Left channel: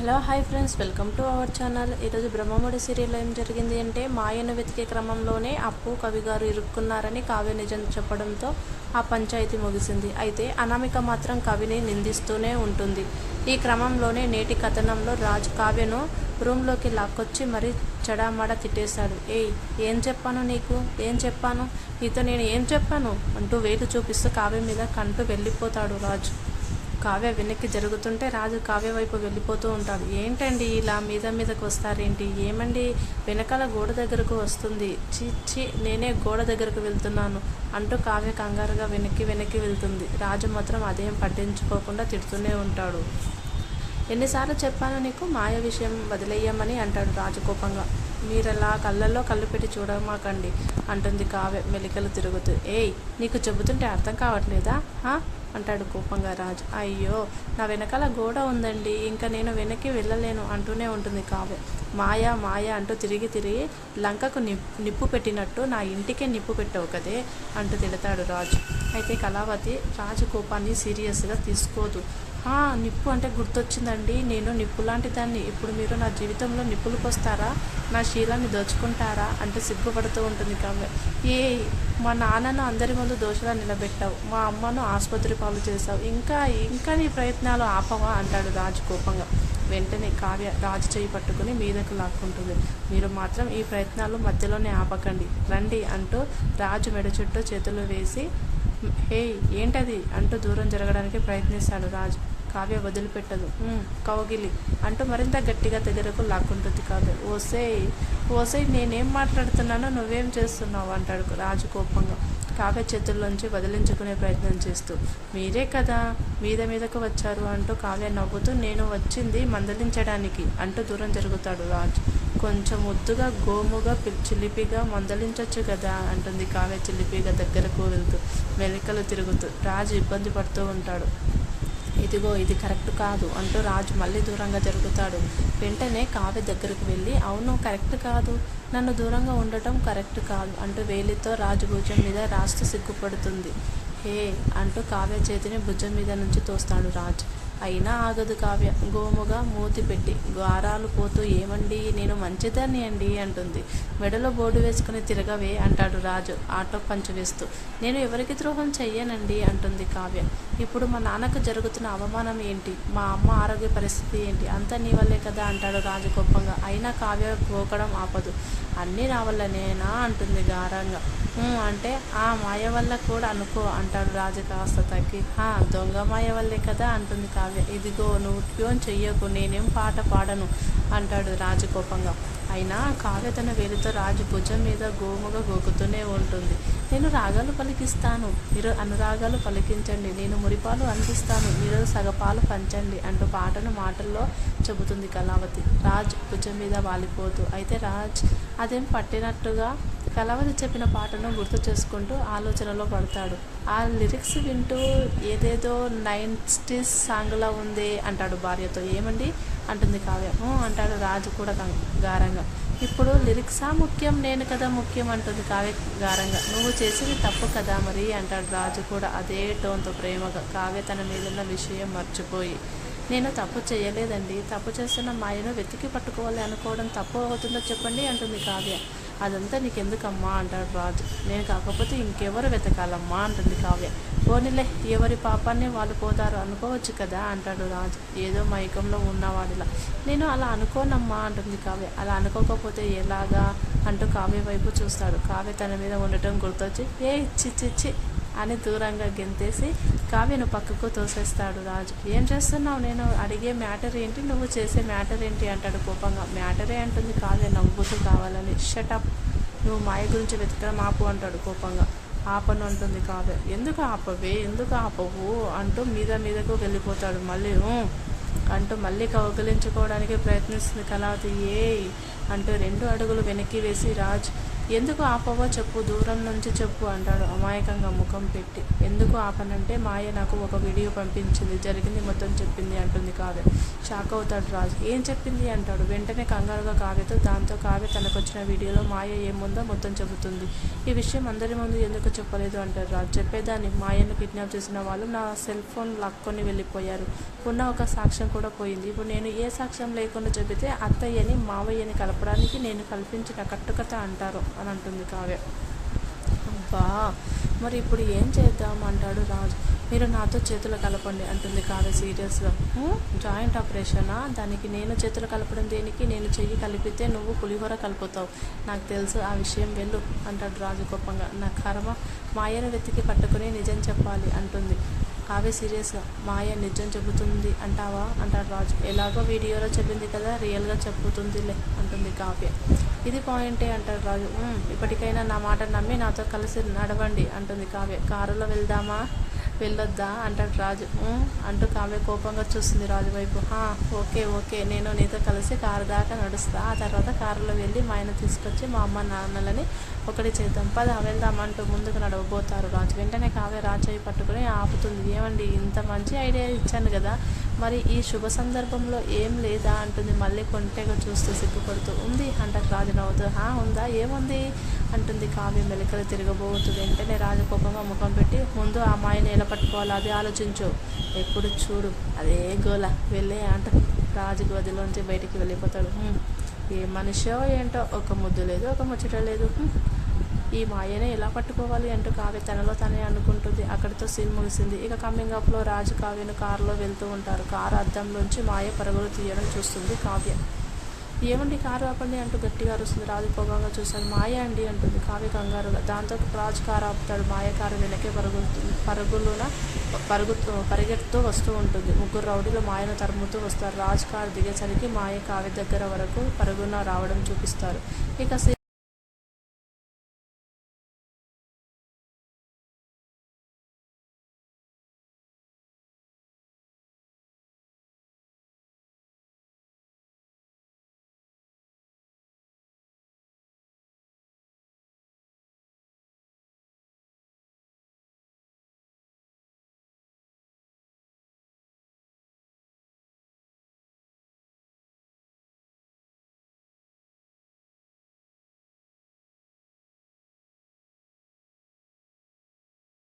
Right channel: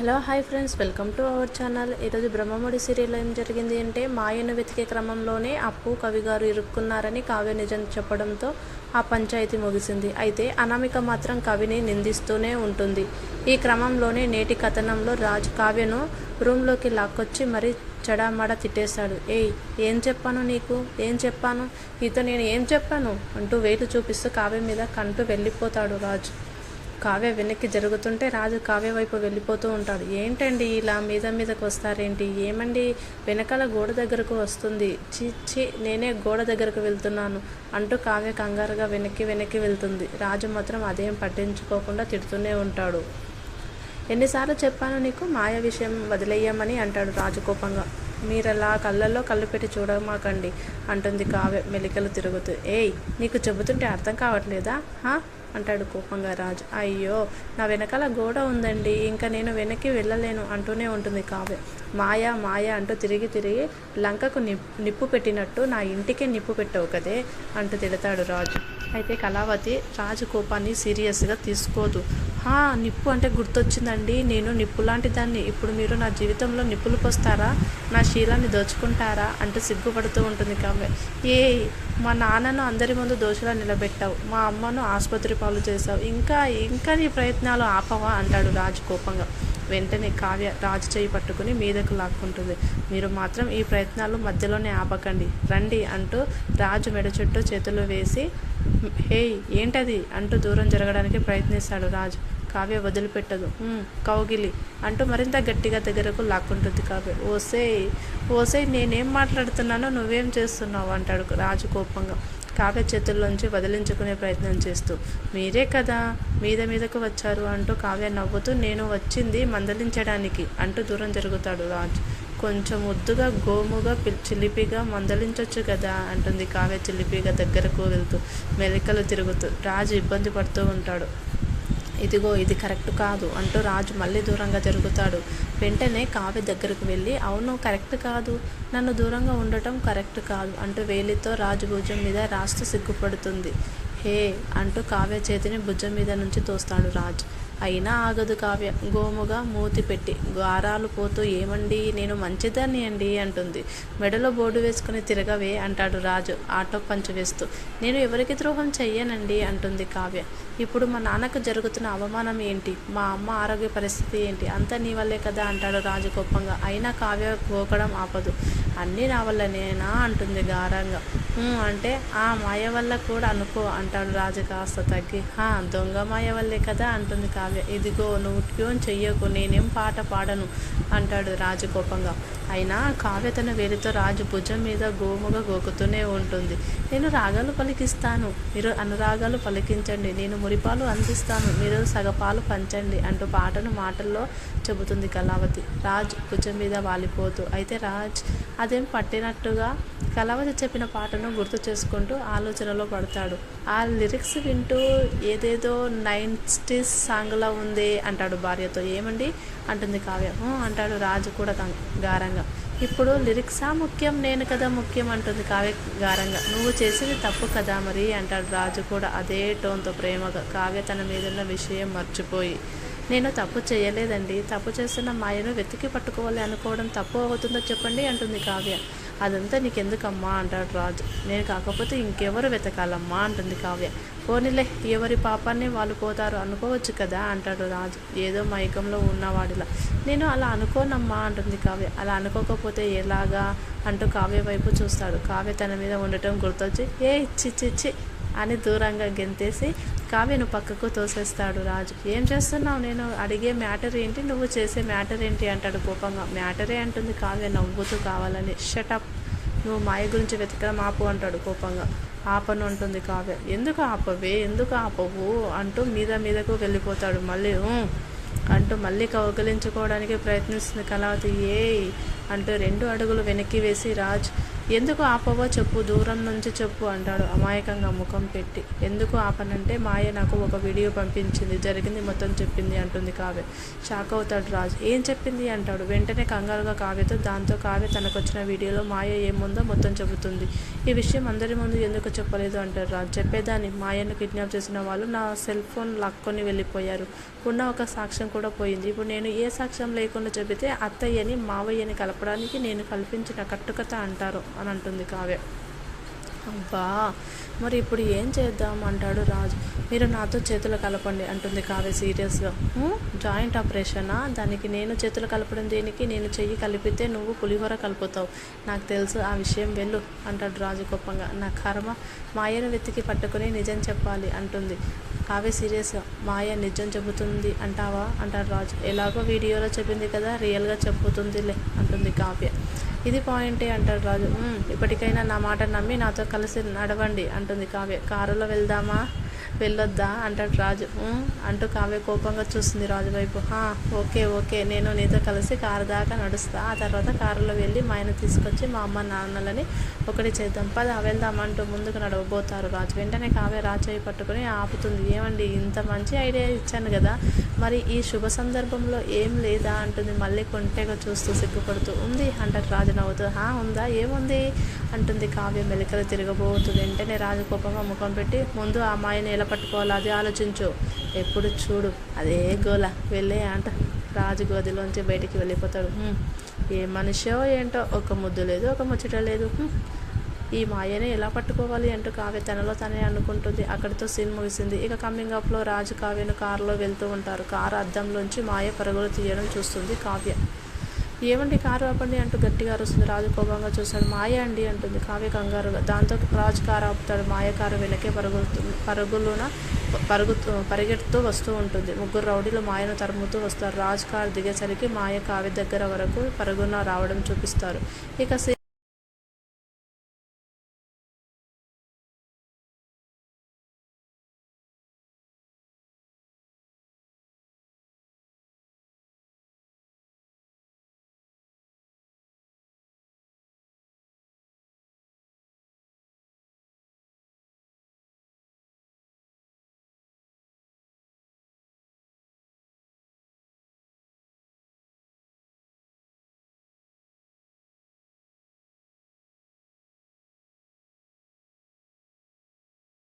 Hello hi friends. Welcome to our channel. ఈరోజు బ్రహ్మముడి సీరియల్లో ఏం జరిగింది అంటే మాయను వెతికే క్రమంలోనే అప్పు కవి గారు ఇరుక్కున్నారని కావ్య నిజం చెప్పడంతో ఆ పంచాయతీ ముగిసింది. అయితే అనామిక మాత్రం కవిని నిందిస్తూనే ఉంటుంది. ఈ క్రమంలోనే నేటి కథనంలో రాజ్ కావ్యను రూమ్లోకి లాక్కొచ్చి మరీ చెడామడ తిట్టేశాడు. ఏయ్ ఏం చెప్పాను నీకు? ఏం చెప్పాను? నీతో నేను ఏం చెప్పాను? అంటూ వేలు చూపిస్తూ కావ్య మీద కంటూ వెళ్ళిపోతాడు రాజు. కావ్య వెనక్కి జరుగుతుంటే రాజు కావ్య వైపు వెళ్ళిపోతూ ఉంటాడు. ఏంటండి ఇలా మీద మీదకు వస్తారేంటి? ఏమండి? వెనకాల గోడ దగ్గరకు వస్తుంది. చీచి నేనే గోడ దగ్గరకు వెళ్తున్నాను అంటూ కావ్య కంగారుగా వెనక్కి వెనక్కి వెళ్తుంది. రాజు మాత్రం అదేం పట్టించుకోకుండా తిడుతూనే ఉంటాడు. ఎన్నిసార్లు చెప్పాను నీకు? మాయ విషయం వదిలేయమని అంటాడు రాజు కోపంగా. మీరలా కళ్ళల్లో కళ్ళు పెట్టి చూడమాకండి అంటుంది కావ్య మెలికలు తిరుగుతూ. ఏయ్ నీకు చెబుతుంటే అర్థం కావట్లేదా? హా? అంటాడు కోపంగా రాజు. అయ్యో నా వెనకాల గోడ ఉందండి. ఇంకా నేను వెనక్కి వెళ్ళలేను అంటూనే ఉంటుంది కావ్య. మాయా మాయా అంటూ తిరిగి తిరిగి లంకకు నిప్పు నిప్పు పెట్టినట్టు నా ఇంటికే నిప్పు పెట్టవు కదే అంటూ తిడతాడు రాజు. అయితే కళావతి రాజు కోపాన్ని సీరియస్గా తీసుకోదు. నిప్పు అంటే గుర్తొచ్చిందండి. నేను నిప్పు లాంటి దాన్ని ఇప్పుడు మీరు నా జీవితంలో నిప్పులు పోస్తారా? నా శీలాన్ని దోచుకుంటారా? అంటూ సిగ్గుపడుతూ ఉంటుంది కావ్య. ఏ మా నాన్నను అందరి ముందు దోషలా నిలబెట్టావు. మా అమ్మను ఆసుపత్రి పాలు చేశావు. ఇంకా ఇంకా నీ ప్రయత్నాలు ఆపవా? అంటాడు రాజు కోపంగా. వెంటనే కావ్య రాజు చేయి పట్టుకుని మీదకు లాక్కుంటుంది. మీరు మాత్రం ఈ ప్రయత్నాలు మధ్యలోనే ఆపకండి. రండి అంటూ రాజు మెడ చుట్టూ చేతులు వేసి హేయ్ ఏంటది? అంటూ దూరం జరగడానికి ప్రయత్నిస్తాడు రాజు. కావ్య వదిలిపెట్టదు. కౌగిలి అంటూ మరింత గట్టిగా దగ్గరకు లాక్కుంటుంది కావ్య. ఓసేయ్ ఓసేయ్ నేనేం మాట్లాడుతున్నానో నువ్వేం చేస్తున్నావు? అంటాడు రాజు కోపంగా. కావ్య చేతుల్లోంచి వదిలించుకునే ప్రయత్నం చేస్తూ మీరే కదా మీద మీదకు వచ్చారు అంటూ కావ్య నవ్వుతూ నేను వచ్చింది మందలించడానికి అంటూ దూరం జరుగుతాడు రాజ్. కొంచెం ముద్దుగా గోముగా చిలిపిగా మందలించొచ్చు కదా అంటుంది కావ్య చిలిపిగా దగ్గరకు వెళ్తూ మెలికలు తిరుగుతూ. రాజు ఇబ్బంది పడుతూ ఉంటాడు. ఇదిగో ఇది కరెక్ట్ కాదు అంటూ రాజు మళ్ళీ దూరంగా జరుగుతాడు. వెంటనే కావ్య దగ్గరకు వెళ్ళి అవును కరెక్ట్ కాదు. నన్ను దూరంగా ఉండటం కరెక్ట్ కాదు అంటూ వేలితో రాజు భుజం మీద రాస్తూ సిగ్గుపడుతుంది. హే అంటూ కావ్య చేతిని భుజం మీద నుంచి తోస్తాడు రాజు. అయినా ఆగదు కావ్య. గోముగా మూతి పెట్టి గారాలు పోతూ ఏమండి? నేను మంచిదాన్ని అండి అంటుంది. మెడలో బోర్డు వేసుకుని తిరగవే అంటాడు రాజు ఆటో పంచు వేస్తూ. నేను ఎవరికి ద్రోహం చెయ్యనండి అంటుంది కావ్య. ఇప్పుడు మా నాన్నకు జరుగుతున్న అవమానం ఏంటి? మా అమ్మ ఆరోగ్య పరిస్థితి ఏంటి? అంతా నీ వల్లే కదా అంటాడు రాజు కోపంగా. అయినా కావ్య గోకడం ఆపదు. అన్నీ నా వల్లనేనా? అంటుంది గారంగా. అంటే ఆ మాయ వల్ల కూడా అనుకో అంటాడు రాజు కాస్త తగ్గి. హా దొంగ మాయ వల్లే కదా అంటుంది కావ్య. ఇదిగో నువ్వు ట్యూన్ చెయ్యకు నేనేం పాట పాడను అంటాడు రాజు కోపంగా. అయినా కావ్య తన వేలితో రాజు భుజం మీద గోముగా గోకుతూనే ఉంటుంది. నేను రాగాలు పలికిస్తాను. మీరు అనురాగాలు పలికించండి. నేను మురిపాలు అందిస్తాను. మీరు సగపాలు పంచండి అంటూ పాటను మాటల్లో చెబుతుంది కళావతి. రాజ్ భుజం మీద వాలిపోతూ అయితే రాజ్ అదేం పట్టినట్టుగా? కళావతి చెప్పిన పాటను గుర్తు చేసుకుంటూ ఆలోచనలో పడతాడు. ఆ లిరిక్స్ వింటూ ఏదేదో నైన్టీస్ సాంగ్లా ఉంది అంటాడు భార్యతో. ఏమండి? అంటుంది కావ్య. అంటాడు రాజు కూడా గారంగా. ఇప్పుడు లిరిక్సా ముఖ్యం? నేను కదా ముఖ్యం? అంటుంది కావ్య గారంగా. నువ్వు చేసేది తప్పు కదా మరి? అంటాడు రాజు కూడా అదే టోన్తో ప్రేమగా. కావ్య తన మీదున్న విషయం మర్చిపోయి. నేను తప్పు చేయలేదండి. తప్పు చేస్తున్న మాయను వెతికి పట్టుకోవాలి అనుకోవడం తప్పు అవుతుందో చెప్పండి? అంటుంది కావ్య. అదంతా నీకెందుకమ్మా అంటాడు రాజు. నేను కాకపోతే ఇంకెవరు వెతకాలమ్మా అంటుంది కావ్య. పోనీలే ఎవరి పాపాన్ని వాళ్ళు పోతారు అనుకోవచ్చు కదా అంటాడు రాజు. ఏదో మైకంలో ఉన్నవాడిలా. నేను అలా అనుకోనమ్మా అంటుంది కావ్య. అలా అనుకోకపోతే ఎలాగా అంటూ కావ్య వైపు చూస్తాడు. కావ్య తన మీద ఉండటం గుర్తొచ్చి ఏ చి అని దూరంగా గెంతేసి కావ్యను పక్కకు తోసేస్తాడు రాజు. ఏం చేస్తున్నావు? నేను అడిగే మ్యాటర్ ఏంటి? నువ్వు చేసే మ్యాటర్ ఏంటి? అంటాడు కోపంగా. మ్యాటరే అంటుంది కావ్య నవ్వుతూ కావాలని. షటప్ నువ్వు మాయ గురించి వెతకడం ఆపు అంటాడు కోపంగా. ఆపను అంటుంది కావ్య. ఎందుకు ఆపవే? ఎందుకు ఆపవు? అంటూ మీద మీదకు వెళ్ళిపోతాడు. మళ్ళీ అంటూ మళ్ళీ కౌగలించుకోవడానికి ప్రయత్నిస్తుంది కళావతి. ఏ అంటూ రెండు అడుగులు వెనక్కి వేసి రాజ్ ఎందుకు ఆపవో చెప్పు దూరం నుంచి చెప్పు అంటాడు అమాయకంగా ముఖం పెట్టి. ఎందుకు ఆపనంటే మాయ నాకు ఒక వీడియో పంపించింది జరిగింది మొత్తం చెప్పింది అంటుంది కావ్య. షాక్ అవుతాడు రాజు. ఏం చెప్పింది అంటాడు. వెంటనే కంగారుగా కావ్యతో దాంతో కావ్య తనకొచ్చిన వీడియోలో మాయ ఏముందో మొత్తం చెబుతుంది. ఈ విషయం అందరి ముందు ఎందుకు చెప్పలేదు అంటారు రాజు. చెప్పేదాన్ని. మాయను కిడ్నాప్ చేసిన వాళ్ళు నా సెల్ ఫోన్ లాక్కొని వెళ్ళిపోయారు. ఉన్న ఒక సాక్ష్యం కూడా పోయింది. ఇప్పుడు నేను ఏ సాక్ష్యం లేకుండా చెబితే అత్తయ్యని మావయ్యని కలపడానికి నేను కల్పించిన కట్టుకథ అంటారు. అని అంటుంది కావ్య. అబ్బా మరి ఇప్పుడు ఏం చేద్దాం అంటాడు రాజు. మీరు నాతో చేతులు కలపండి అంటుంది కావ్య సీరియస్గా. జాయింట్ ఆపరేషనా? దానికి నేను చేతులు కలపడం దేనికి? నేను చెయ్యి కలిపితే నువ్వు పులిహోర కలుపుతావు. నాకు తెలుసు ఆ విషయం వెళ్ళు అంటాడు రాజు కోపంగా. నా కర్మ మాయను వెతికి పట్టుకుని నిజం చెప్పాలి అంటుంది. కావ్య సీరియస్గా మాయ నిజం చెబుతుంది అంటావా? అంటాడు రాజు. ఎలాగో వీడియోలో చెప్పింది కదా రియల్గా చెబుతుందిలే అంటుంది కావ్య. ఇది పాయింటే అంటాడు రాజు. ఇప్పటికైనా నా మాట నమ్మి నాతో కలిసి నడవండి అంటుంది కావ్య. కారులో వెళ్దామా? వెళ్ళొద్దా అంటాడు రాజు. అంటూ కావ్య కోపంగా చూస్తుంది రాజు వైపు. "హా, ఓకే ఓకే నేను నీతో కలిసి కారు దాకా నడుస్తా. ఆ తర్వాత కారులో వెళ్ళి మా ఆయన తీసుకొచ్చి మా అమ్మ నాన్నలని ఒకటి చేద్దాం. పద వెళ్దాం అంటూ ముందుకు నడవబోతారు రాజు. వెంటనే కావ్య రాజయ్య పట్టుకుని ఆపుతుంది. ఏమండి ఇంత మంచి ఐడియా ఇచ్చాను కదా. మరి ఈ శుభ సందర్భంలో ఏం లేదా? అంటుంది మళ్ళీ కొంటెగా చూస్తూ సిగ్గుపడుతూ. ఉంది అంటారు రాజు నవ్వుతూ. హా ఉందా? ఏముంది? అంటుంది కావ్య మెలికలు తిరగబోతుంది వెంటనే రాజు కోపంగా ముఖం పెట్టి ముందు ఆ అమ్మాయిని ఎలా పట్టుకోవాలో అది ఆలోచించు. ఎప్పుడు చూడు అదే గోల. వెళ్ళే అంట. రాజు గదిలోంచి బయటికి వెళ్ళిపోతాడు. ఏ మనిషో ఏంటో ఒక ముద్దు లేదు ఒక ముచ్చట లేదు. ఈ మాయనే ఎలా పట్టుకోవాలి అంటూ కావ్య తనలో తనే అనుకుంటుంది. అక్కడితో సీన్ ముగిసింది. ఇక కమ్మింగ్ అప్లో రాజు కావ్యను కారులో వెళ్తూ ఉంటారు. కారు అద్దంలోంచి మాయ పరుగులు తీయడం చూస్తుంది కావ్య. ఏమండి కారు ఆపండి అంటూ గట్టిగా అరుస్తుంది రాజు కోపంగా చూశాడు మాయ అండి అంటుంది కావ్య కంగారుగా. దాంతో రాజు కారు ఆపుతాడు. మాయ కారు వెనకే పరుగుతుంది పరుగులున పరుగుతూ పరిగెడుతూ వస్తూ ఉంటుంది. ముగ్గురు రౌడీలు మాయను తరుముతూ వస్తారు. రాజు కారు దిగేసరికి మాయ కావ్య దగ్గర వరకు పరుగున రావడం చూపిస్తారు. ఇక